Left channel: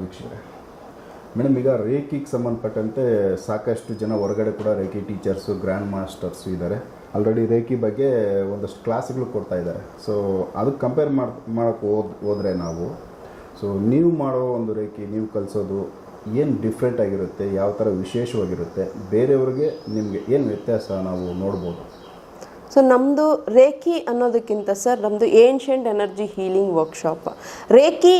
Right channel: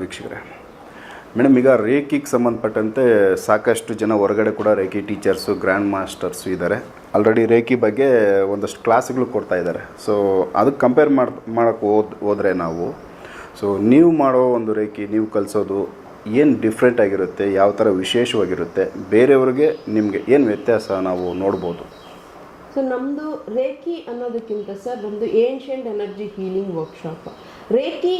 ವೀಕ್ಷಕರೇ. ಮೇಡಮ್, ಈಗ ರೇಖಿಗೆ ಸಂಬಂಧಪಟ್ಟಂತೆ ಸಾಕಷ್ಟು ಜನ ಹೊರಗಡೆ ಕೂಡ ರೇಖಿ ಟೀಚರ್ಸು, ಗ್ರ್ಯಾಂಡ್ ಮಾಸ್ಟರ್ಸು ಇದ್ದಾರೆ. ಆಲ್ರೆಡಿ ರೇಖಿ ಬಗ್ಗೆ ಒಂದಷ್ಟು ಕ್ಲಾಸ್ಗಳು ಕೊಡ್ತಾ ಇದ್ದಾರೆ. ಸೊ ಅದಕ್ಕೆ ಕಂಪೇರ್ ಮಾಡಿ ಮಾಡೋಕ್ಕೆ ಹೋದ್, ಹೋದರೆ ನಾವು ಸೊ ನೀವು ಮಾಡೋ ಒಂದು ರೇಖಿ, ನೀವು ಕಲಿಸೋದು ಏನು ಡಿಫ್ರೆಂಟ್ ಆಗಿರುತ್ತೆ, ಯಾವ ಥರ ವಿಶೇಷವಾಗಿರುತ್ತೆ, ಬೇರೆಯವ್ರಿಗೆ ನಿಮಗೆ ಏನು ವ್ಯತ್ಯಾಸ ನಾವು ನೋಡ್ಬೋದು? ಸೊ ನಮ್ಮದು ರೇಖಿ ಅನ್ನೋದಕ್ಕಿಂತ ಸರ್ ನಮ್ಮದು ancient energy healing workshop reiki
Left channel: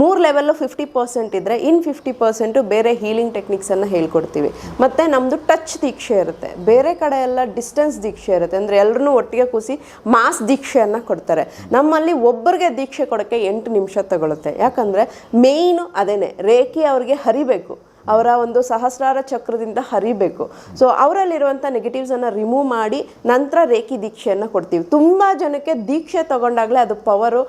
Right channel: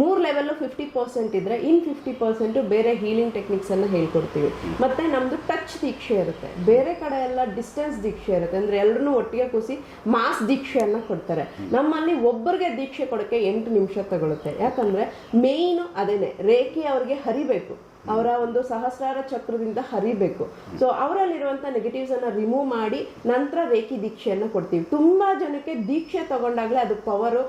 ಮೂರು ಲೆವೆಲ್ಲು ಫಿಫ್ಟಿ ಪರ್ಸೆಂಟ್ ಇದ್ದರೆ ಇನ್ ಫಿಫ್ಟಿ ಪರ್ಸೆಂಟು ಬೇರೆ ಹೀಲಿಂಗ್ ಟೆಕ್ನಿಕ್ಸನ್ನು ಹೇಳ್ಕೊಡ್ತೀವಿ. ಮತ್ತು ನಮ್ಮದು ಟಚ್ ದೀಕ್ಷೆ ಇರುತ್ತೆ. ಬೇರೆ ಕಡೆ ಎಲ್ಲ ಡಿಸ್ಟೆನ್ಸ್ ದೀಕ್ಷೆ ಇರುತ್ತೆ. ಅಂದರೆ ಎಲ್ಲರೂ ಒಟ್ಟಿಗೆ ಕೂಸಿ ಮಾಸ್ ದೀಕ್ಷೆಯನ್ನು ಕೊಡ್ತಾರೆ. ನಮ್ಮಲ್ಲಿ ಒಬ್ಬರಿಗೆ ದೀಕ್ಷೆ ಕೊಡೋಕ್ಕೆ ಎಂಟು ನಿಮಿಷ ತಗೊಳುತ್ತೆ. ಯಾಕಂದರೆ ಮೇಯ್ನು ಅದೇನೆ, ರೇಖೆ ಅವ್ರಿಗೆ ಹರಿಬೇಕು. ಅವರ ಒಂದು ಸಹಸ್ರಾರ ಚಕ್ರದಿಂದ ಹರಿಬೇಕು. ಸೊ ಅವರಲ್ಲಿರುವಂಥ ನೆಗೆಟಿವ್ಸನ್ನು ರಿಮೂವ್ ಮಾಡಿ ನಂತರ ರೇಖಿ ದೀಕ್ಷೆಯನ್ನು ಕೊಡ್ತೀವಿ. ತುಂಬ ಜನಕ್ಕೆ ದೀಕ್ಷೆ ತಗೊಂಡಾಗಲೇ ಅದು ಪವರು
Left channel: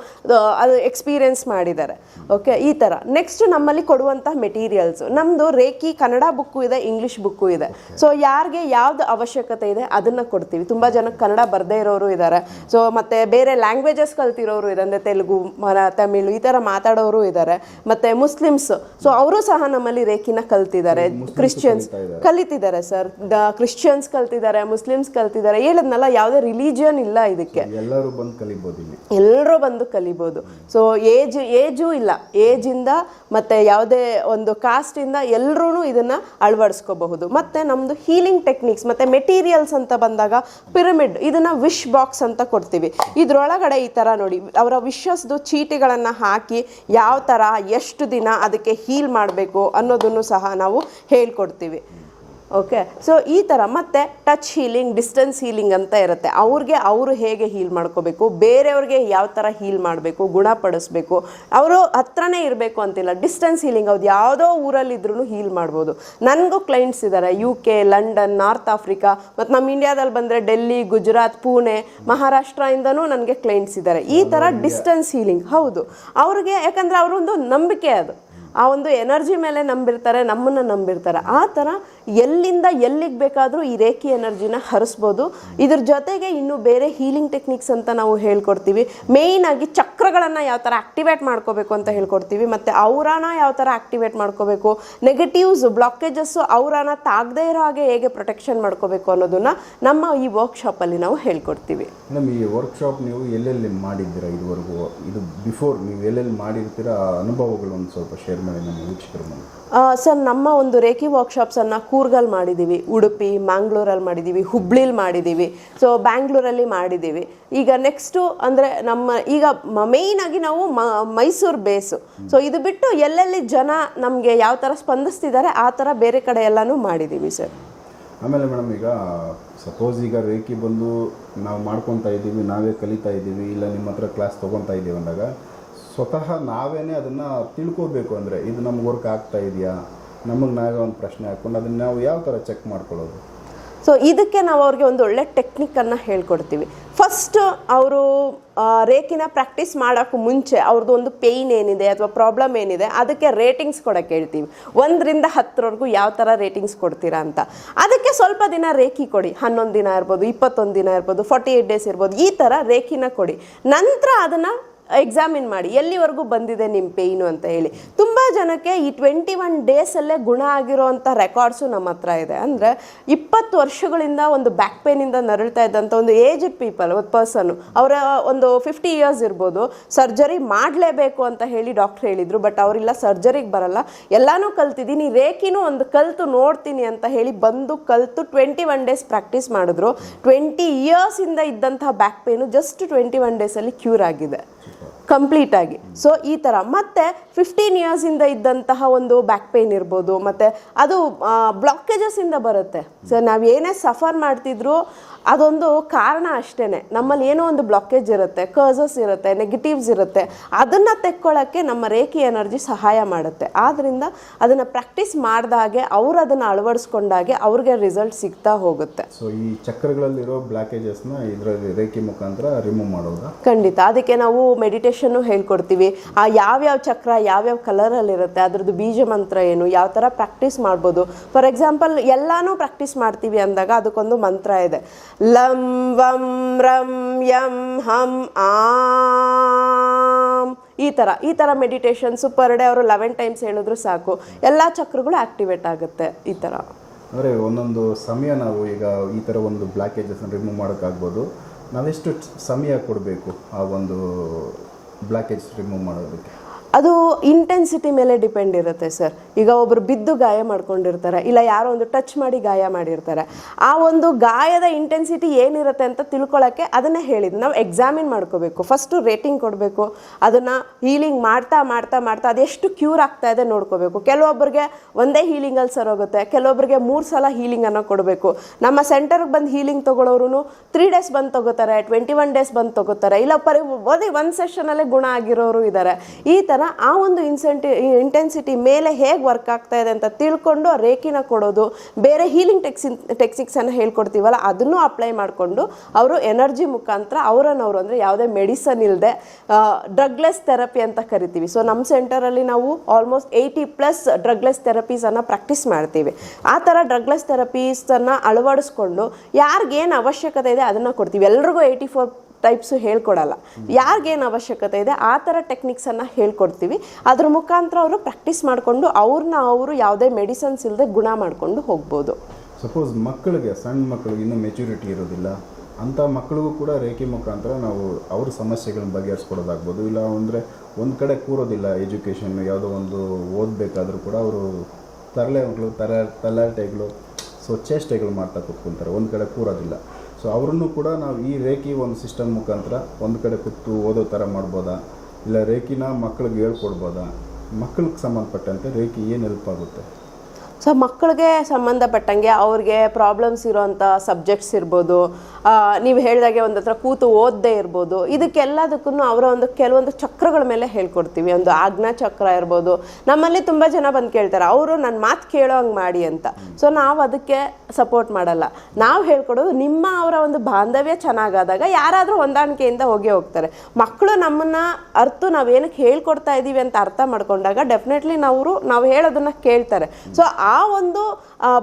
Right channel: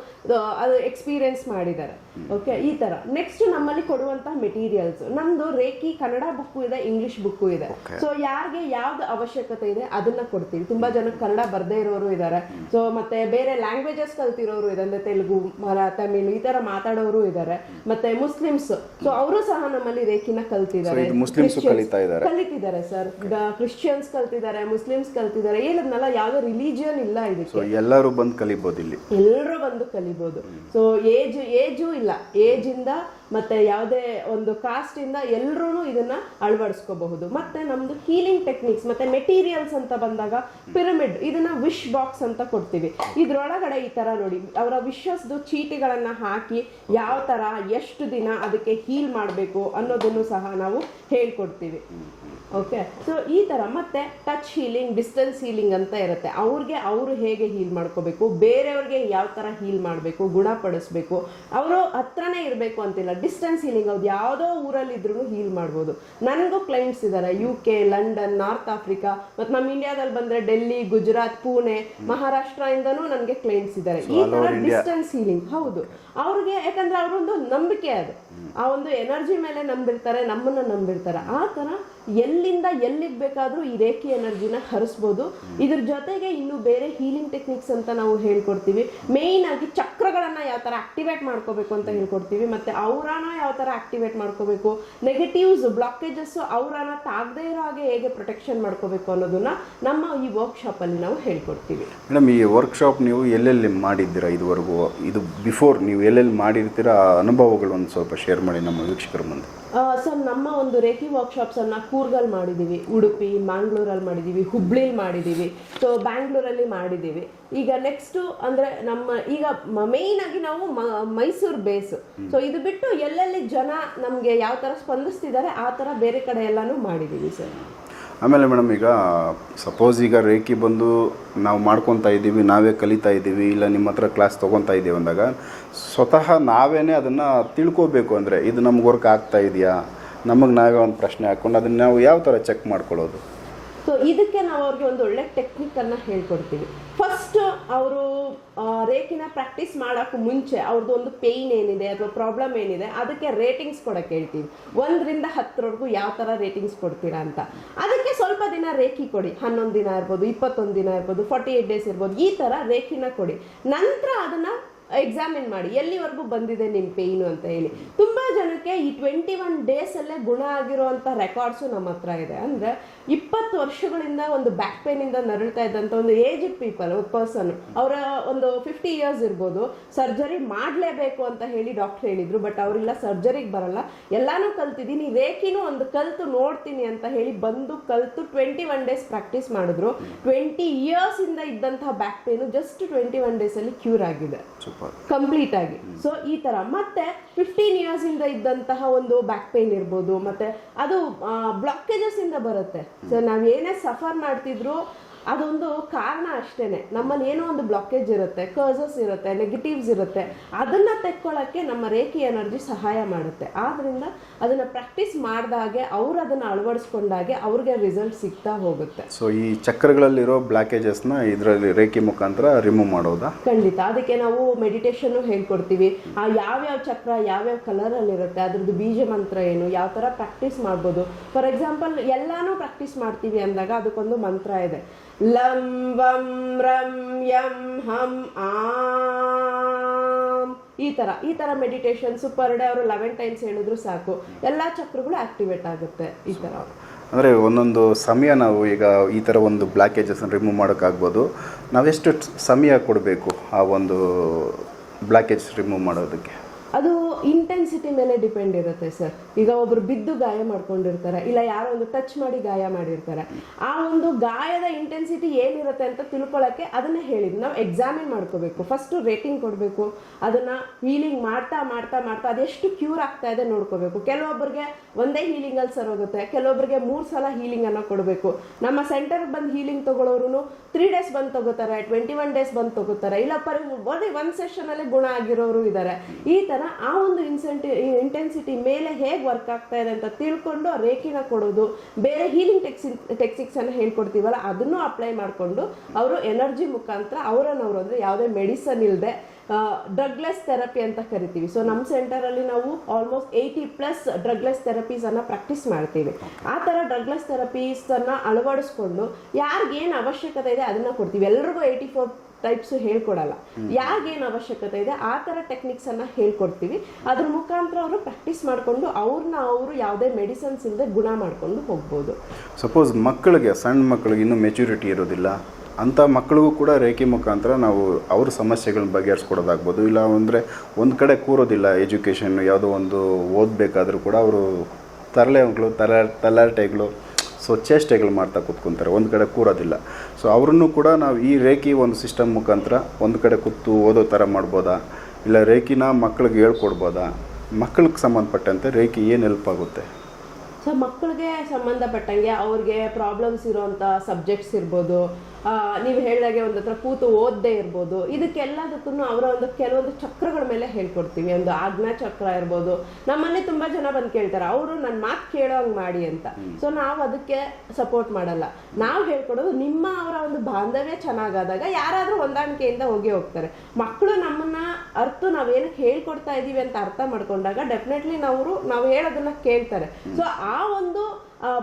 ಅದು ಎಕ್ಸ್ಪೀರಿಯನ್ಸ್ ಮಾಡಿದ್ದಾರೆ. ಓಕೆ ಈ ಥರ ನೆಕ್ಸ್ಟ್ ನಮ್ಮಲ್ಲಿ ಕೊಡುವಂಥ ಮೆಟೀರಿಯಲ್ಸ್ ನಮ್ಮದು ರೇಖಿ ಕನ್ನಡ ಬುಕ್ಕು ಇದೆ ಇಂಗ್ಲೀಷ್ ಬುಕ್ಕು ಇದೆ. ಸೊ ಯಾರಿಗೆ ಯಾವ್ದು ಅವಶ್ಯಕತೆ ಇದೆ ಅದನ್ನು ಕೊಡ್ತೀವಿ. ತುಂಬ ಜನಕ್ಕೆ ಕನ್ನಡ ಬರದೇ ಇರೋರು ಇದ್ದಾರೆ ಸೊ ಮತ್ತೆ ಬೇರೆ ಲ್ಯಾಂಗ್ವೇಜಸ್ ಕಲ್ತಿರೋರು ಇದೆ ಅಂದರೆ ತೆಲುಗು ಮರ ತಮಿಳು ಈ ಥರ ಮಾತಾಡೋರು ಇದ್ದಾರೆ ಮತ್ತೆ ಮುಸ್ಲಿಮ್ಸ್ ಸೊ ಅವರು ಸಹ ನಮ್ಮಲ್ಲಿ ರೇಖಿನ ಕಲ್ತಿದ್ದಾರೆ. ಕ್ರಿಶ್ಚಿಯನ್ಸ್. ಕಲಿತಿದ್ದಾರೆ ಸರ್ ಕ್ರಿಶ್ಚಿಯನ್ಸ್ ಕಲ್ತಿದ್ದಾರೆ ಮುಸ್ಲಿಮ್ಸ್ ಕಲ್ತಿದ್ದಾರೆ. ಹೇಳದ್ನಲ್ಲ ಯಾವುದೇ ರಿಲಿಜಿಯನ್ ಇಲ್ಲ ಇದಕ್ಕೆ. ಎಲ್ಲರೂ ಬಂದು ಕಲಿಬಹುದು ಇಲ್ಲಿ. ಎಲ್ಲರೂ ಬಂದು ಕಲಿಬಹುದು ಸೊ ಏಜ್ ಏಜು ಇಲ್ಲ. ಏಜ್ ಇಂದ ಮತ್ತೆ ಯಾವುದೇ ಒಂದು ಕಾಸ್ಟ್ ಇಂದ ಎಲ್ಲರೂ ಇದನ್ನ ಅಳವಡಿಸ್ಕೋಬಹುದು. ಮತ್ತೆ ನಮ್ದು ಹೀಲಿಂಗ್ ಟೆಕ್ನಿಕ್ಸ್ ಮತ್ತೆ ಮೆಟೀರಿಯಲ್ಸ್ ಅಂತ ಬಂದಾಗ ಪಿರಮಿಡ್ ಇದನ್ನ ವಿಶ್ ಬಾಕ್ಸ್ ಅಂತ ಕೊಡ್ತೀವಿ. ಇದ್ರೊಳಗಡೆ ಈ ತರ ನೋಡಿ ಅವರ ವಿಶಸ್ದು ಚೀಟಿಗಳನ್ನ ಹಾಕಿ ಯಾವ ತರ ಎಷ್ಟು ದಿನ ಅದಕ್ಕೆ ಹೀಲ್ ಮಾಡಬೇಕು ಅನ್ನೋದನ್ನು ಸಹ ನಾವು ಹೇಳ್ಕೊಡ್ತೀವಿ. ಓಕೆ ಸೊ ಈ ಥರ ಮತ್ತೆ ಟಚ್ ಹೀಲಿಂಗ್ ಡಿಸ್ಟೆನ್ಸ್ ಹೀಲಿಂಗ್ ಅಂತ ಇರುತ್ತೆ. ಅವ್ರಿಗೆ ಅವರು ಹೇಗೆ ಹೀಲ್ ಮಾಡ್ಕೋಬೇಕು ಬೇರೆಯವ್ರಿಗೆ ಯಾವ ಥರ ಹೀಲ್ ಮಾಡಬೇಕು ಗುಣಪಡಿಸ್ಬೇಕು ಅವರು ಹತ್ರನೇ ಇರಬೇಕು ಅಂತಿಲ್ಲ. ಡಿಸ್ಟೆನ್ಸ್ ಹೀಲಿಂಗ್ ಅವ್ರು ಯಾವುದೋ ಊರಲ್ಲಿದ್ರೂ ಹೀಲ್ ಮಾಡ್ಬೋದು. ನನಗೂ ಕ್ಲೈಂಟ್ಸ್ ಇದ್ದಾರೆ U K London North Africa ಮತ್ತು ನಮ್ಮ ಇಂಡಿಯಾದಲ್ಲಿ ಬಂದರೆ ಡೆಲ್ಲಿ ಗುಜರಾತ್ ಪುಣೆ ಮಹಾರಾಷ್ಟ್ರದಿಂದನೂ ನನಗೆ ಕ್ಲೈಂಟ್ಸ್ ಇದ್ದಾರೆ ಈ ಥರ ಡಿಸ್ಟೆನ್ಸ್ ಹೀಲಿಂಗ್ ಹೌದು. ಅವ್ರಿಗೆ ಯಾಕಂದರೆ ಅವರೊಂದು ನಂಬಿಕೆ ಅದು. ಆ ಒಂದು ಎನರ್ಜಿ ಮೇಲೆ ನಂಬಿರ್ತಾರೆ ನಮ್ಮನ್ನು ನಂಬಿರ್ತಾರೆ. ಆ ಥರ ಎಲ್ಲಿಂದ ಎಲ್ಲಿಗೆ ಬೇಕಾದರೂ ಈ ರೇಖಿ ಎನರ್ಜಿನ ಹರಿಸ್ಬೋದು. ಇದ್ರ ಜೊತೆಗೆ ಇನ್ನು ಬೇರೆ ಹೀಲಿಂಗ್ ಟೆಕ್ನಿಕ್ಸ್ ಅಂತ ನಾವು ಹೇಳ್ಕೊಡ್ತೀವಿ. ಮೇಯ್ನ್ ಆಗಿ ಚಕ್ರಗಳನ್ನು ಯಾವ ಥರ ಆಕ್ಟಿವೇಟ್ ಮಾಡ್ಕೋಬೇಕು ಅಂತ ಹೇಳ್ಕೊಡ್ತೀವಿ. ಮತ್ತು ಅವರಾನ ಯಾವ ಥರ ಆಕ್ಟಿವೇಟ್ ಮಾಡ್ಕೋಬೇಕು. ನೆಗೆಟಿವ್ಸ್ ಬ್ಲಾಕೇಜಸ್ಸು ಔರಾನ ತಾಗದೇ ಇರೋ ಹಾಗೆ ಹೇಗೆ ಪ್ರೊಟೆಕ್ಷನ್ ಮಾಡ್ಕೋಬೇಕು ಅನ್ನೋದನ್ನ ನಮ್ಮ ಈ ವರ್ಕ್ಶಾಪಲ್ಲಿ ನಾವು ಹೇಳ್ಕೊಡ್ತೀವಿ. ಮೇಡಮ್ ಈ ವರ್ಕ್ಶಾಪ್ ನೀವು ಎಲ್ಲೆಲ್ಲಿ ಮಾಡಿದ್ದೀರಾ ಇದುವರೆಗೂ? ಇದು ಬಿಫೋರ್ ನೀವು ಎಲ್ಲೆಲ್ಲಿ ಮಾಡಿರ್ತೀರಾ? ಅನುಭವಗಳು ಒಂದು ಸ್ವಲ್ಪ ಶೇರ್ ಮಾಡಿ ನಮ್ಮ ವೀಕ್ಷಕರ ಮುಂದೆ. ಸರ್ ನಮ್ಮ ಒಂದು ರೇಖಿ ವರ್ಕ್ಶಾಪ್ಸನ್ನು ಕೂರ್ಗಲ್ಲಿ ಮಾಡಿದ್ದೀವಿ ಉಡುಪಿ ಮ್ಯಾಂಗ್ಳೂರಲ್ಲಿ ಮಾಡಿದ್ದೀವಿ ಹುಬ್ಳಿಲಿ ಮಾಡಿದ್ದೀವಿ ಸೊ ಬ್ಯಾಂಗ್ಳೂರಲ್ಲಿ ಮಾಡಿದ್ದೀವಿ ಈಗ ನೆಕ್ಸ್ಟು ಅಂದರೆ ನಮ್ಮ, ಈಗ ಮೇಯ್ನ್ ಆಗಿ ನಾವು ಮೈಸೂರು ಬೇಸು ಸೊ ಇದು ಬಿಟ್ಟು ಎಲ್ಲೆಲ್ಲಿ ಜನ ನಮಗೆ ಯಾವ ಥರ ಸ್ಪಂದಿಸ್ತಿದ್ದಾರೆ, ಆ ಥರ ಬೇರೆ ಕಡೆ ಎಲ್ಲನೂ ಮಾಡಿದ್ದೀವಿ ಸರ್ ಆಮೇಲೆ ಮೇಡಮ್ ಈಗ ಸಪೋಸ್ ಈಗ ರೇಖಿ ಬಂದು ನಾವು ಮಾಡ್ಕೊತಾ ಇದ್ದೀವಿ, ನಾವೇ ಕಲಿತಾ ಇದ್ದೀವಿ, ಇಲ್ಲ ನಿಮ್ಮ ಹತ್ರ ಕ್ಲಾಸ್ ತೊಗೊತಾ ಇದ್ದೀವಿ ಅಂದಾಗ, ಸ್ವತಃ ನಾವೇನೇ ಅದನ್ನು ತಿಳ್ಕೋಬೇಕು ಅಂದರೆ, ಇದು ನಮ್ಗೆ ವರ್ಕ್ ಆಗ್ತಾ ಇದೆಯಾ? ನಮಗೆ ನಾವೇ ಒಂದು ಪ್ರಶ್ನೆ ಹಾಕ್ಕೊಂಡು ಅದನ್ನು ನಾವು ಯಾವ ಥರ ಚೆಕ್ ಮಾಡ್ಕೊಳ್ಳೋದು? ಸೊ ಇದಕ್ಕೆ ನಾವು ಅವ್ರಿಗೆ ಒಂದು ಒಳ್ಳೆ ಟೆಕ್ನಿಕ್ಕನ್ನು ಹೇಳ್ಕೊಡ್ತೀವಿ. ಫಸ್ಟ್ ಅವರು ರೇಖಿನ ಪ್ರಾಕ್ಟೀಸ್ ಮಾಡೋಕ್ಕೂ ಮುಂಚೆ ಅವ್ರದ್ದು ಒಂದು ಪೇಯ್ನ್ ಏನಿದೆ ಅಥವಾ ಪ್ರಾಬ್ಲಮ್ ಏನಿದೆ, ಅದಕ್ಕೆ ರೇಟಿಂಗ್ಸ್ ಕೊಡೋಕ್ಕೆ ಹೇಳ್ತೀವಿ. ಒಂದರಿಂದ ಹತ್ತರವರೆಗೂ ಯಾವ ಥರ ರೇಟಿಂಗ್ಸ್ ಕೊಡ್ತೀರಾ ಅಂತ. ಅದಕ್ಕೆ ಸ್ವಲ್ಪ ದಿನ ರೇಖಿ ಕೊಡಿ. ಹನ್ನೊಂದು ದಿನ ಇರ್ಬೋದು, ಇಪ್ಪತ್ತೊಂದು ದಿನ ಇರ್ಬೋದು ಫಾರ್ಟಿ ಏಯ್ಟ್ ಡೇಸ್ ಇರ್ಬೋದು, ಈ ಥರ ರೇಖಿನ ಕೊಡಿ. ನಂತರ ಅದನ್ನು ಎಕ್ಸಾಮಿನ್ ಮಾಡಿ, ಎಲ್ಲಿವರೆಗೂ ಬಂದಿದೆ ನಿಮ್ಮ ಪೇಯ್ನು ಅಂತ ಹೇಳಿ. ತುಂಬ ಜನಕ್ಕೆ ಈ ಟ್ವೆಂಟಿ ಒನ್ ಡೇಸಲ್ಲೇ ಗುಣ ಆಗಿರೋವಂಥ ರೆಕಾರ್ಡ್ಸು ನಮ್ಮ ಹತ್ರ ಇದೆ. ಅಂದರೆ ಇಪ್ಪತ್ತು ವರ್ಷಗಳಿಂದ ಒಂದು ಬ್ಯಾಕ್ ಪೇನಿಂದ ನರಳ್ತಾ ಇದ್ದಂಥ ಒಂದು ಏಜ್ಡ್ ಪೀಪಲ್ ಒಂದು ಪರ್ಸನ್ ಅವರ ಒಂದು ಫಿಫ್ಟಿ ಇಯರ್ಸ್ ಇರ್ಬೋದು ಸರ್ಜರಿ ಮಾಡಲೇಬೇಕು ಅಂತ ಹೇಳಿ ಡಾಕ್ಟ್ರ್ ಹೇಳಿದರು ಬಟ್ ಅವರಿಲ್ಲ ಸರ್ಜರಿಗೆ ಬರಲ್ಲ. ಎಲ್ಲನೂ ಕಲ್ತಿದ್ದೀನಿ ರೇಖಿನೂ ಒಂದು ಕಲ್ತು ನೋಡ್ತೀನಿ ಅಂತ ಹೇಳಿ ಬಂದು ಕಲ್ತು ಟ್ವೆಂಟಿ ಒನ್ ಡೇಸ್ ಪ್ರಾಕ್ಟೀಸ್ ಮಾಡಿದ್ರು ಟ್ವೆಂಟಿ ಇಯರ್ಸಿಂದ ಇದ್ದಂಥ back pain just twenty one ಡೇಸಲ್ಲಿ ಕ್ಯೂರ್ ಆಗಿದೆ. ಕಂಪ್ಲೀಟ್ ಆಗಿ ಸೊ ಈ ಥರ ಮತ್ತೆ ಫಿಫ್ಟೀನ್ ಇಯರ್ಸಿಂದ ಇದ್ದಂತಹ ಒಂದು ಬ್ಯಾಕ್ ಪೇನ್ ಇರ್ಬೋದು ಮತ್ತು ಅದು ಬ್ಲಾಕೇಜಸ್ ಇಂದ ಬರುತ್ತೆ. ಸೊ ನಾವು ಏನೇ ಸಫರ್ ಮಾಡ್ತಿದ್ರು ಅದೊಂದು ಕಾರಣ ಅಷ್ಟೇ ನಮ್ಮಲ್ಲಿ ಏನೋ ಒಂದು ಬ್ಲಾಕೇಜ್ ಇರುತ್ತೆ ಕರ್ಸಸ್ ಇರುತ್ತೆ ನೆಗೆಟಿವ್ಸ್ ಇರುತ್ತೆ. ಅದನ್ನು ತೆಕ್ಕೊಳ್ಳೋಕ್ಕೆ ನಮ್ಮ ರೇಖಿ ಎನರ್ಜಿ ಸಹಾಯ ಮಾಡುತ್ತೆ. ಆದ್ದರಿಂದ ಅದನ್ನು ಪ್ರಾಕ್ಟೀಸ್ ಮಾಡಿದಾಗೆ ಅವ್ರು ಅದನ್ನು ಅಳವಡಿಸ್ಕೊಂಡಾಗೆ ಅವ್ರಿಗೆ ರಿಸಲ್ಟ್ ಸಿಗ್ತಾ ಹೋಗುತ್ತೆ. ಸೊ ಈ ಚಕ್ರಗಳಲ್ಲಿರೋ ಬ್ಲಾಕೇಜಸ್ನ ಇದರಲ್ಲಿ ರೇಖಿ ಮುಖಾಂತರ ರಿಮೂವ್ ಮಾಡೋದಾ? ಖಂಡಿತ. ಅದಕ್ಕೆ ನಾವು ಮೆಡಿಟೇಷನ್ನು ಹೇಳ್ಕೊಡ್ತೀವಿ. ಆ ಯಾವ್ಯಾವ ಚಕ್ರ, ಯಾವ್ಯಾವ ಕಲರಲ್ಲಿರುತ್ತೆ ಅದರದ್ದು ಬೀಜ ಮಂತ್ರ ಏನು, ಯಾವ ಥರ ಪ್ರಾಕ್ಟೀಸ್ ಮಾಡ್ಬೋದು. ಫಾರ್ ಎಕ್ಸಾಂಪಲ್ ಎಲ್ಲನೂ ಪ್ರಾಕ್ಟೀಸ್ ಮಾಡ್ತೀವಿ ಅಂದಾಗ ಅದಕ್ಕೊಂದು ಮಂತ್ರ ಇದೆ. ಲಂ, ವಂ, ರಂ, ಯಂ, ಹಂ, ಆ. ಈ ಥರ ಈ ಥರ ಮೆಡಿಟೇಷನ್ಸು ಪರ್ ಡೇ ಅವರು ಲೆವೆನ್ ಟೈಮ್ಸ್ ಹೇಳಿದ್ರು ಸಾಕು. ಎಲ್ಲ ಚಕ್ರಗಳು ಆಕ್ಟಿವೇಟ್ ಆಗುತ್ತೆ ಈ ಥರ ಅಂದರೆ ಒಂದೊಂದು ಸಮಯ ನಾವು ಈಗ ಈ ಥರ ಒಂದು ಬ್ಲಾಕೇಜಸ್ನ ರಿಮೂವ್ ಮಾಡೋಕ್ಕಾಗ್ಬೋದು. ನಾವೆಷ್ಟು ಸಮಯ ಕೊಡಬೇಕು ಆ ಒಂದು ಬ್ಲಾಕೇಜ್ ರಿಮೂವ್ ಮಾಡೋದಕ್ಕೆ? ಅದು ಇಂಟೆನ್ಸಿಟಿ ಮೇಲೆ ಡಿಪೆಂಡ್ ಇರುತ್ತೆ ಸರ್ ಈಗ ಒಬ್ರು ಬಿದ್ದು ಗಾಯ ಮಾಡ್ಕೊಂಡಿರ್ತಾರೆ, ಇಲ್ಲ ಯಾರೋ ಒಂದು ಟಚ್ ಮಾಡಿ ಗಾಯ ಮಾಡಿರ್ತಾರೆ. ಆ ಒಂದು ಗಾಯದ ಇಂಟೆನ್ಸಿಟಿ ಏನಿರುತ್ತೆ ಅಂತ ತಿಳ್ಕೊಳ್ಳೋಕ್ಕೆ ಅದನ್ನೇ ಹೇಳಿದ್ದು. ನಾವು ಎಕ್ಸಾಮಿನ್ ಮಾಡ್ಕೋಬೇಕು. ಫಸ್ಟು ರೇಟಿಂಗ್ ಕೊಡಬೇಕು. ಅದನ್ನು ಹೀಲಿಂಗ್ ಮಾಡ್ತಾ ಮಾಡ್ತಾ ಮಾಡ್ತಾ ಅದೆಷ್ಟು ಕ್ಯೂರ್ ಆಗ್ತಾ ಇದೆ ನೋಡ್ಕೋಬೇಕು. ಕೆಲವೊಬ್ಬರಿಗೆ ಒಂದೇ ಹೀಲಿಂಗಲ್ಲಿ ಹೋಗುತ್ತೆ. ಕೆಲವೊಬ್ಬರಿಗೆ ಮೂರು ಸಲ ಹೀಲಿಂಗನ್ನು ಕೊಡಬೇಕು. ನಮ್ಮ ಸೆಂಟರ್ಗೆ ಬಂದು ಹೀಲಿಂಗ್ ತೊಗೊಳೋರು ತ್ರೀ ಡೇಸ್ ಬಂದು ತಗೋತಾರೆ ಟ್ವೆಂಟಿ ಒನ್ ಡೇಸ್ ಬಂದು ತಗೋತಾರೆ. ಇಲ್ಲ ಪರಿ ಬರೀ ಒಂದು ಸೆಷನಲ್ಲೇ ಗುಣ ಆಗಿರೋರು ಇದ್ದಾರೆ ಈ ಥರ ಆ ಒಂದು ಇನ್ಸೆಂಟಿ ಇಂಟೆನ್ಸಿಟಿ ಮೇಲೆ ಹೇಗೆ ವರ್ಕ್ ಆಗ್ತಾ ಇದೆ ಅಂತ ತಿಳ್ಕೊಂಡು ಆ ರೇಖಿನ ಕೊಡೋದು. ಬೇರೆ ಹೀಲಿಂಗ್ ಟೆಕ್ಸಿನ್ ಟೆಕ್ಸಿಕ್ಸನ್ನು ಹೇಳ್ಕೊಡ್ತೀವಲ್ಲ, ಅದನ್ನು ಅಪ್ಲೈ ಮಾಡಿಕೊಂಡು ಅವರು ಎನರ್ಜಿ ಮುಖಾಂತರ ಅವರನ್ನವರು ಅಂದರೆ ಯಾವುದೇ ಮೆಡಿಸನ್ ಇಲ್ಲದೆ ಡ್ರಗ್ಲೆಸ್ ಥೆರಪಿ ಅಂತ ಕರಿತೀವಿ. ಸೊ ನಮ್ಮ ಸೆಂಟರಲ್ಲಿ ನಾವು ಆಲ್ಮೋಸ್ಟ್ ಏಯ್ಟಿ ಪ್ಲಸ್ ಡ್ರಗ್ಲೆಸ್ ಥೆರಪೀಸನ್ನು ಪ್ರಾಕ್ಟೀಸ್ ಮಾಡ್ತೀವಿ. ಆ ಥರ ಡ್ರಗ್ಲೆಸ್ ಥೆರಪೀಸನ್ನು ಅಳವಡಿಸ್ಕೊಂಡು ಯಾರಿಗೇನು ಅವಶ್ಯಕತೆ ಇದೆ ಅದನ್ನು ಕೊಡ್ತೀವಿ. ಎಲ್ರಿಗೂ ಏಯ್ಟಿ ಫೋರ್ ಟೈಪ್ಸು ಹೇಳ್ಕೊಡಲ್ಲ. ಯಾರಿಗೇನು ಅವಶ್ಯಕತೆ ಇದೆ, ಆ ಥರ ಟೆಕ್ನಿಕ್ಸನ್ನು ಹೇಳ್ಕೊಡ್ತೀವಿ. ಅದ್ರ ಮುಖಾಂತರ ಅವರು ಪ್ರಾಕ್ಟೀಸ್ ಮಾಡಿಕೊಂಡು ಅವ್ರನ್ನ ಅವರು ಯಾವುದೇ ಮೆಡಿಸನ್ಸ್ ಇಲ್ಲದೆ ಗುಣ ಮಾಡಿಕೊಂಡು ಹೋಗ್ಬೋದು. ಸಪೋಸ್ ಮಕ್ಕಳಿಗೆ ಸಣ್ಣ ಮಕ್ಕಳಿಗೆ ಇನ್ನೂ ಮೆಚುರಿಟಿ ಇರೋದಿಲ್ಲ, ಅಂಥ ಮಕ್ಕಳಿಗೂ ಕೂಡ ರೇಖೆ ಮುಖಾಂತರ ನಾವು ಅವ್ರ ಸಮಸ್ಯೆಗಳನ್ನ ಬಗೆಹರಿಸ್ಕೊಡೋದಾಗ್ಬೋದು. ಇಲ್ಲ ಅಂದರೆ ಒಂದು ಕಡೆ ಕೂರೋದಿಲ್ಲ ಎಜುಕೇಷನ್ ಯಾವುದೋ ಒಂದು ಓದಬೇಕಾದ್ರೂ ಕೂಡ ಅವರು ತರಲೆ ಮಕ್ಕಳು ತಲ ತಲಾಟೆಗಳು ಸೊ ಚೇಷ್ಟೆಗಳು ಮಾಡ್ತಾ ಕೂತ್ಕೊಂತಾರೆ, ಒಂದು ಕಡೆ ಕೂರೋದಿಲ್ಲ. ಸೊ ಅವ್ರನ್ನೂ ಕೂಡ ನಾವು ಈ ರೇಖಿ ಒಂದು ಸಿಸ್ಟಮ್ ಮುಖಾಂತರ ಒಂದು ಕಡೆ ಕೂತು ಓದೋ ಥರ ಮಾಡ್ಬೋದಾ? ಇಲ್ಲ ರೇಖಿನ ಮಕ್ಕಳಿಗೆ ಹೇಳ್ಕೊಡ್ಬೋದಾ? ಮಕ್ಕಳಿಗೆ ಸಂಬಂಧಪಟ್ಟಂತೆ ರೇಖಿ ಏನು ಹೆಲ್ಪ್ ಆಗುತ್ತೆ? ಸೊ ಮಕ್ಕಳಿಗೆ ಸಂಬಂಧಪಟ್ಟಂಗೆ ಅವ್ರಿಗೆ ಪ್ರಾಬ್ಲಮ್ಸ್ ಇರೋವಂಥ ಸಬ್ಜೆಕ್ಟ್ಸ್ ಇರ್ಬೋದು ನೀವು ಹೇಳಿದಾಗೆ ಒಂದು ಹತ್ರ ಕೂತು ಓದದೇ ಇರ್ಬೋದು. ಇದಕ್ಕೆಲ್ಲದಕ್ಕೂ ಅವರ ಒಂದು ಕೆಲವೊಂದು ಚಕ್ರಗಳ ಮೇಲೆ ಹೇಳ್ಕೊಡ್ತೀವಿ. ಒಂದು ಆಜ್ಞಾ ಚಕ್ರ ಇರ್ಬೋದು. ನಮ್ಮಲ್ಲಿ ತುಂಬ ಜನ ಬಂದು ಕೇಳ್ತಾರೆ, ಅವರು ನನ್ನ ಮಾತು ಕೇಳೋ ಹಂಗೆ ಮಾಡಿ ಅಂತ. ಸೊ ನಾವು ಅದಕ್ಕೆ ಸಪೋರ್ಟ್ ಮಾಡಲ್ಲ. ನಾವು ಹೇಳ್ಕೊಡೋದು ನಿಮ್ಮ ಅವರ ಒಂದು ಬಾಂಧವ್ಯ ಚೆನ್ನಾಗಾದಾಗ ಯಾರಾದರೂ ಹೊಂದಾಣಿಕೆಯಿಂದ ಹೋಗಿ ಹೋಗ್ತಾರೆ. ಮಕ್ಕಳು ನಮ್ಮನ್ನ ಅರ್ಥ ನಾವೇನಕ್ಕೆ ಹೇಳ್ಕೊಡ್ತಾ ಇದ್ದೀವಿ ಅಂತ ಅರ್ಥ ಮಾಡ್ಕೊಂಡಾಗ ಡೆಫಿನೆಟ್ಲಿ ನಾವು ನಾವು ಹೇಳೋದನ್ನ ಕೇಳ್ತಾರೆ. ಸೊ ಆ ಒಂದು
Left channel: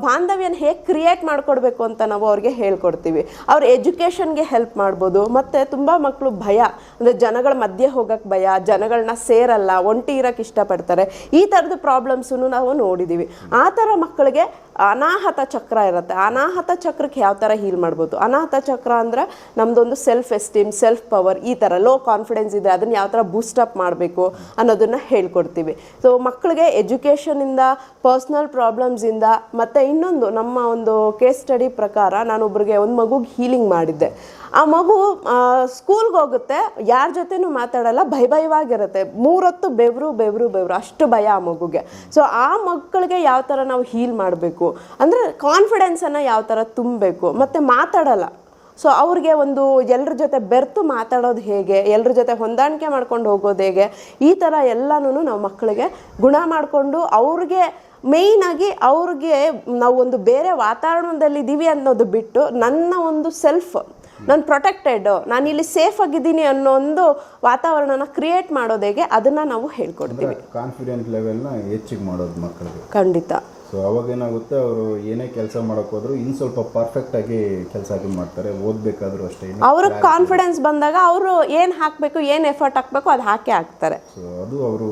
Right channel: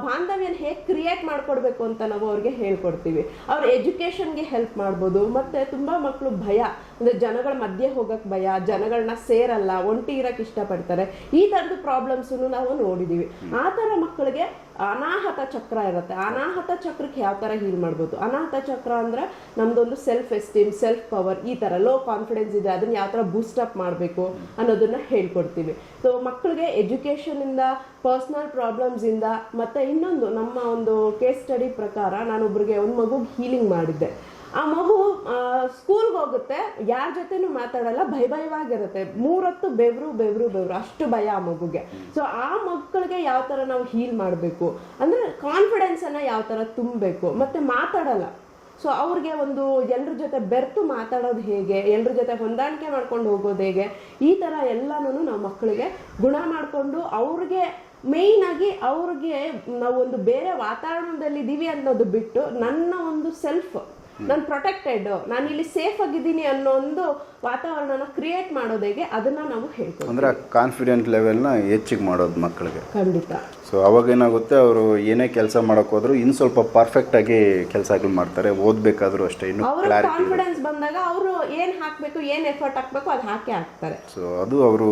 ಬಾಂಧವ್ಯನ ಹೇಗೆ ಕ್ರಿಯೇಟ್ ಮಾಡ್ಕೊಡ್ಬೇಕು ಅಂತ ನಾವು ಅವ್ರಿಗೆ ಹೇಳ್ಕೊಡ್ತೀವಿ. ಅವ್ರ ಎಜುಕೇಷನ್ಗೆ ಹೆಲ್ಪ್ ಮಾಡ್ಬೋದು. ಮತ್ತು ತುಂಬ ಮಕ್ಕಳು ಭಯ. ಅಂದರೆ ಜನಗಳ ಮಧ್ಯೆ ಹೋಗೋಕ್ಕೆ ಭಯ ಜನಗಳನ್ನ ಸೇರಲ್ಲ, ಒಂಟಿ ಇರೋಕ್ಕೆ ಇಷ್ಟಪಡ್ತಾರೆ. ಈ ಥರದ್ದು ಪ್ರಾಬ್ಲಮ್ಸನ್ನು ನಾವು ನೋಡಿದ್ದೀವಿ ಆ ಥರ ಮಕ್ಕಳಿಗೆ ಅನಾಹತ ಚಕ್ರ ಇರುತ್ತೆ. ಅನಾಹತ ಚಕ್ರಕ್ಕೆ ಯಾವ ಥರ ಹೀಲ್ ಮಾಡ್ಬೋದು? ಅನಾಹತ ಚಕ್ರ ಅಂದರೆ ನಮ್ಮದೊಂದು ಸೆಲ್ಫ್ ಎಸ್ಟೀಮ್ ಸೆಲ್ಫ್ ಪವರ್ ಈ ಥರ ಲೋ ಕಾನ್ಫಿಡೆನ್ಸ್ ಇದೆ, ಅದನ್ನು ಯಾವ ಥರ ಬೂಸ್ಟಪ್ ಮಾಡಬೇಕು ಅನ್ನೋದನ್ನು ಹೇಳ್ಕೊಡ್ತೀವಿ. ಸೊ ಮಕ್ಕಳಿಗೆ ಎಜುಕೇಷನಿಂದ ಪರ್ಸ್ನಲ್ ಪ್ರಾಬ್ಲಮ್ಸಿಂದ ಮತ್ತು ಇನ್ನೊಂದು ನಮ್ಮ ಒಂದು ಕೇಸ್ ಸ್ಟಡಿ ಪ್ರಕಾರ ನಾನೊಬ್ಬರಿಗೆ ಒಂದು ಮಗುಗೆ ಹೀಲಿಂಗ್ ಮಾಡಿದ್ದೆ. ಆ ಮಗು ಸ್ಕೂಲ್ಗೆ ಹೋಗುತ್ತೆ. ಯಾರ ಜೊತೆನೂ ಮಾತಾಡಲ್ಲ ಭಯ ಭಯವಾಗಿರುತ್ತೆ ಮೂರೊತ್ತು ಬೆವರು ಬೆವರು ಬೆವರು. ಅಷ್ಟು ಭಯ ಆ ಮಗುಗೆ. ಸೊ ಆ ಮಕ್ಕಳಿಗೆ ಯಾವ ಥರ ನಾವು ಹೀಲ್ ಮಾಡಬೇಕು? ಅಂದರೆ ಕಾನ್ಫಿಡೆನ್ಸನ್ನು ಯಾವ ಥರ ತುಂಬಬೇಕು? ಮತ್ತು ಮಾತಾಡಲ್ಲ. ಸೊ ಅವ್ರಿಗೆ ಒಂದು ಎಲ್ಲರ ಜೊತೆ ಬೆರ್ತು ಮಾತಾಡೋದು ಹೇಗೆ? ಎಲ್ಲರ ಜೊತೆ ಹೊಂದಾಣಿಕೆ ಮಾಡ್ಕೊಂಡು ಹೋಗೋದು ಹೇಗೆ? ಈ ಥರ ಎಲ್ಲನೂ ನಾವು ಮಕ್ಕಳಿಗೆ ಗುಣ ಮಾಡಿಕೊಂಡು ಅವ್ರಿಗೆ ಆಗಿ ಅವ್ರಿಗೆ ನಾವು ಒಂದು ಬೇರೆ ವಾತಾವರಣದಲ್ಲಿ ಇದ್ದೀವಿ ಅನ್ನೋದು ಬಿಟ್ಟು ನನ್ನ ಒಂದು ಸೆಲ್ಫ್ ನಾನು ಪ್ರೊಟೆಕ್ಟೆಡ್ ನಾನು ಇಲ್ಲಿ ಸೇಫ್ ಆಗಿದ್ದೀನಿ ಅನ್ನೋ ಒಂದು ವಾತಾವರಣನ ಕ್ರಿಯೇಟ್ ಮಾಡೋದೇಗೆ ಅದನ್ನ ನಾವು ಹೇಳ್ಕೊಡ್ತೀವಿ. ಕಾನ್ಫಿಡೆಂಟ್ ಲೆವೆಲ್ನ ಹೆಚ್ಚಿಗೆ ಮಾಡೋದು ಮಕ್ಕಳಿಗೆ ಖಂಡಿತ. ಸೊ ಅವಾಗ ಏನಾಗುತ್ತೆ ಅವರು ಏನೇ ಕೆಲಸ ಮಾಡೋಕೆ ಹೋದ್ರು ಇನ್ನು ಸ್ವಲ್ಪ ಪರ್ಫೆಕ್ಟಾಗಿ ಕೆಲಸಗಳು ಮಾಡ್ತಾರೆ. ಓದಬೇಕಾದ್ರೂ ಅಷ್ಟೇ ಇನ್ನು ಅವ್ರಿಗೆ ಕಾನ್ಫಿಡೆನ್ಸ್ ಬಂದಾಗ ಅವರು ಏನು ಹಾಕಬೇಕು ಏನು ಎಫರ್ಟ್ ಹಾಕಬೇಕು ಅದು ಹಾಕೇ ಹಾಕ್ತಾರೆ. ಸೊ ಅದು ಅವರು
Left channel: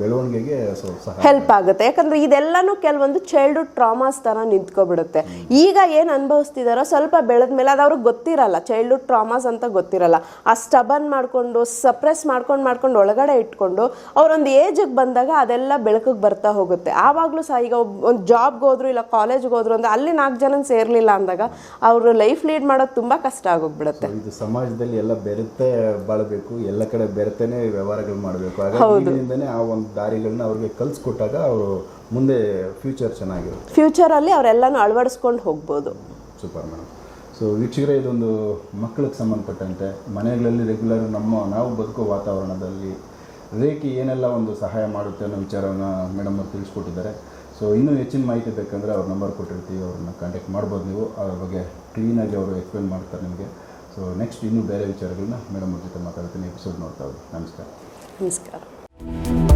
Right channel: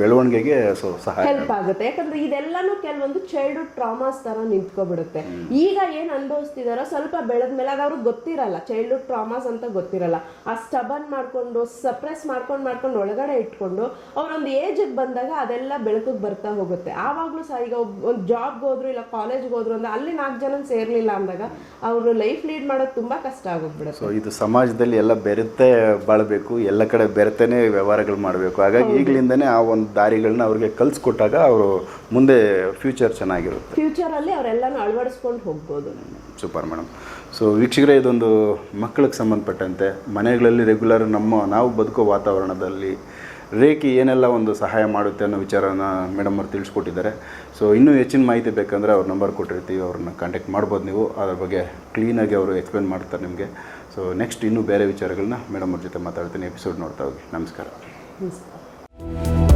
ಬೆಳವಣಿಗೆಗೆ ಸೊ ಸಹಾಯ ಹೆಲ್ಪ್ ಆಗುತ್ತೆ. ಯಾಕಂದ್ರೆ ಇದೆಲ್ಲನೂ ಕೆಲವೊಂದು ಚೈಲ್ಡ್ಹುಡ್ ಟ್ರಾಮಾಸ್ ತರ ನಿಂತ್ಕೊಬಿಡುತ್ತೆ. ಈಗ ಏನು ಅನುಭವಿಸ್ತಿದಾರೋ ಸ್ವಲ್ಪ ಬೆಳೆದ ಮೇಲೆ ಅದು ಅವ್ರಿಗೆ ಗೊತ್ತಿರಲ್ಲ. ಚೈಲ್ಡ್ಹುಡ್ ಟ್ರಾಮಾಸ್ ಅಂತ ಗೊತ್ತಿರಲ್ಲ. ಆ ಸ್ಟಬನ್ ಮಾಡ್ಕೊಂಡು ಸಪ್ರೆಸ್ ಮಾಡ್ಕೊಂಡು ಮಾಡ್ಕೊಂಡು ಒಳಗಡೆ ಇಟ್ಕೊಂಡು ಅವರೊಂದು ಏಜಿಗೆ ಬಂದಾಗ ಅದೆಲ್ಲ ಬೆಳಕಿಗೆ ಬರ್ತಾ ಹೋಗುತ್ತೆ. ಆವಾಗಲೂ ಸಹ ಈಗ ಒಂದು ಜಾಬ್ಗೆ ಹೋದ್ರು ಇಲ್ಲ ಕಾಲೇಜ್ಗೆ ಹೋದ್ರು ಅಂದ್ರೆ ಅಲ್ಲಿ ನಾಲ್ಕು ಜನ ಸೇರ್ಲಿಲ್ಲ ಅಂದಾಗ ಅವರು ಲೈಫ್ ಲೀಡ್ ಮಾಡೋದು ತುಂಬಾ ಕಷ್ಟ ಆಗೋಗ್ಬಿಡುತ್ತೆ. ಸೊ ಇದು ಸಮಾಜದಲ್ಲಿ ಎಲ್ಲ ಬೆರೆತೆ ಬಾಳಬೇಕು ಎಲ್ಲ ಕಡೆ ಬೆರೆತೇನೆ ವ್ಯವಹಾರಗಳು ಮಾಡಬೇಕು. ಹಾಗಾಗಿ ಈಗಲಿಂದನೇ ಆ ಒಂದು ದಾರಿಗಳನ್ನ ಅವ್ರಿಗೆ ಕಲಿಸ್ಕೊಟ್ಟಾಗ ಅವರು ಮುಂದೆ ಫ್ಯೂಚರ್ ಚೆನ್ನಾಗಿರುತ್ತೆ. ಫ್ಯೂಚರಲ್ಲಿ ಅವರೆಲ್ಲನೂ ಅಳವಡಿಸ್ಕೊಂಡು ಹೋಗ್ಬೋದು. ಸೂಪರ್ ಮೇಡಮ್ ಸೊ ವೀಕ್ಷಕರೇ ಇದೊಂದು ಮಕ್ಕಳಿಗೆ ಸಂಬಂಧಪಟ್ಟಂತೆ. ಮನೆಗಳಲ್ಲಿ ರೆಗ್ಯುಲರ್ ನಮ್ಮ ನಾವು ಬದುಕೋ ವಾತಾವರಣದಲ್ಲಿ ರೇಖಿ ಏನೆಲ್ಲ ಒಂದು ಸಹಾಯ ಮಾಡುತ್ತೆ ಅನ್ನೋ ವಿಚಾರನ ಮೇಡಮ್ ಅವ್ರು ತಿಳಿಸ್ಕೊಟ್ಟಿದ್ದಾರೆ. ಸೊ ಇನ್ನೂ ಹೆಚ್ಚಿನ ಮಾಹಿತಿ ಬೇಕಂದರೆ ಅವ್ರ ನಂಬರ್ ಕೊಟ್ಟಿರ್ತೀವಿ, ಅವ್ರನ್ನ ಕಾಂಟ್ಯಾಕ್ಟ್ ಮಾಡ್ಬೋದು ನೀವು. ಅದ್ರ ಬಗ್ಗೆ ಕ್ಲೀನಾಗಿ ಅವರು ಎಕ್ಸ್ಪ್ಲೇನ್ ಮಾಡ್ತಾರೆ ನಿಮಗೆ. ಸೊ ನೆಕ್ಸ್ಟ್ ಇನ್ನೂ ಬೇರೆ ವಿಚಾರಗಳನ್ನ ಮೇಡಮ್ ಅವ್ರ ಜೊತೆ ಮಾತಾಡ್ತೀನಿ ಎಪಿಸೋಡ್ ನೋಡ್ತಾ ಹೋಗಿ. ನಮಸ್ಕಾರ. ನಮಸ್ಕಾರ.